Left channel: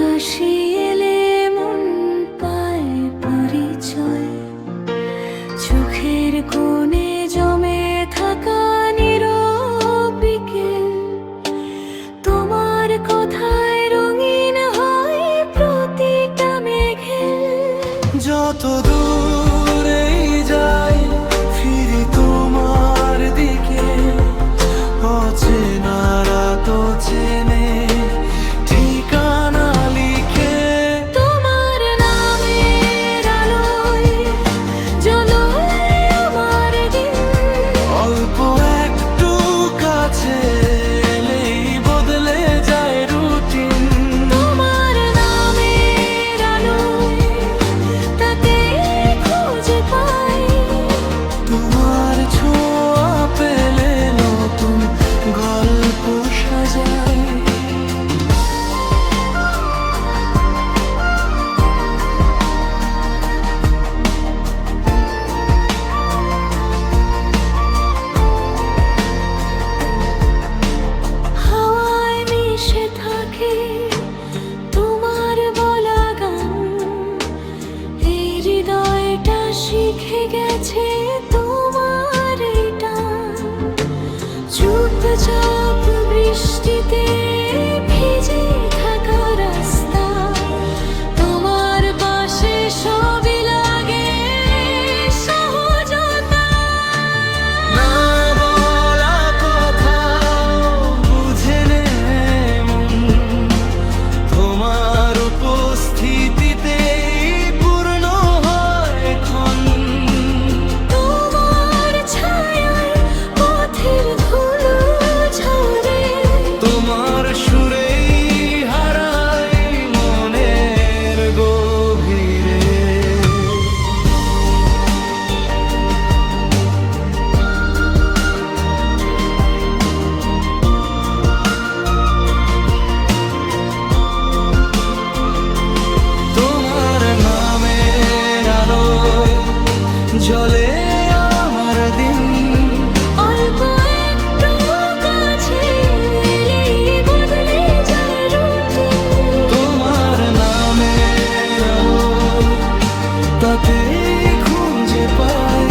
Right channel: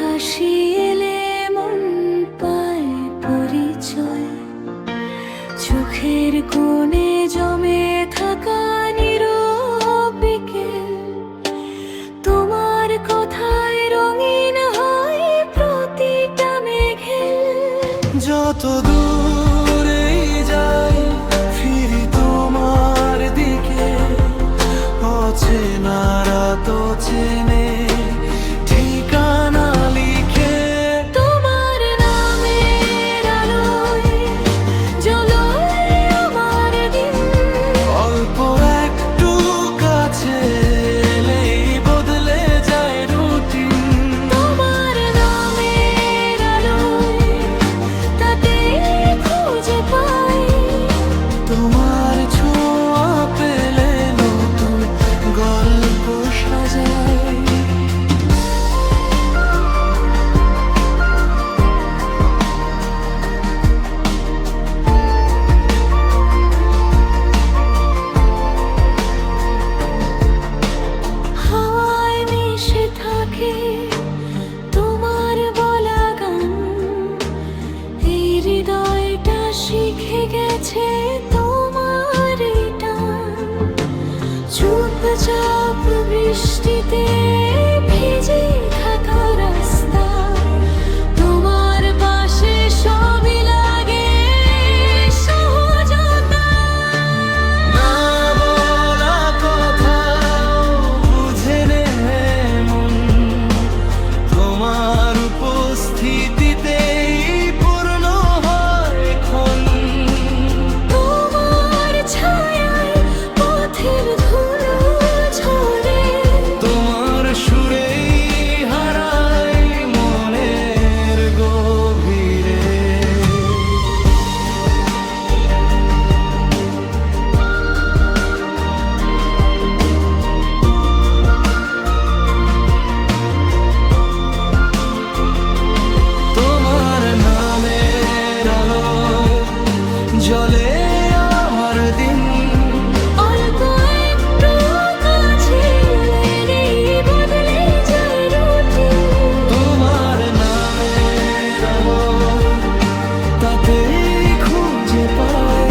হাসি এলে মন পায় পরিচয়, চোখের কোণে জমে থাকা নীরব বিকেল, তোমার কথায় রঙিন হয় প্রতিটা মেঘের। যত দূরেই যাই ফিরি তোমার দিকে, অচেনারা তো চেনে ঠিকানা লিখে। তোমার নামের আলোয় জ্বলে আমার দিন, অল্প একটু কাছে এলেই বদলে যায় রুটিন। তোমার নামের আলোয় তাতেই খুঁজে পাই, তোমার ছোঁয়া পেলে নতুন গল্প সাজায়। হাওয়ায় মিশে থাকে তোমার বলা গান, এই হৃদয়টা শিখে গেছে তোমার টান। চুপচাপ বৃষ্টিতে ভিজে থাকা রাস্তা, তোমার পাশে সবই লাগে সহজতা। না বলা কথাও বুঝে নে মন, তোমার উপস্থিতিতেই পূর্ণ হয় ক্ষণ। তোমার ছায়ায় পথের ধুলো ঝরে, তোমার সুরেই হারাই মনের গভীরে। তোমার নামের আলোয় জ্বলে আমার দিন। অল্প একটু কাছে এলেই বদলে যায় রুটিন। তোমার নামের আলোয় তাতেই খুঁজে পাই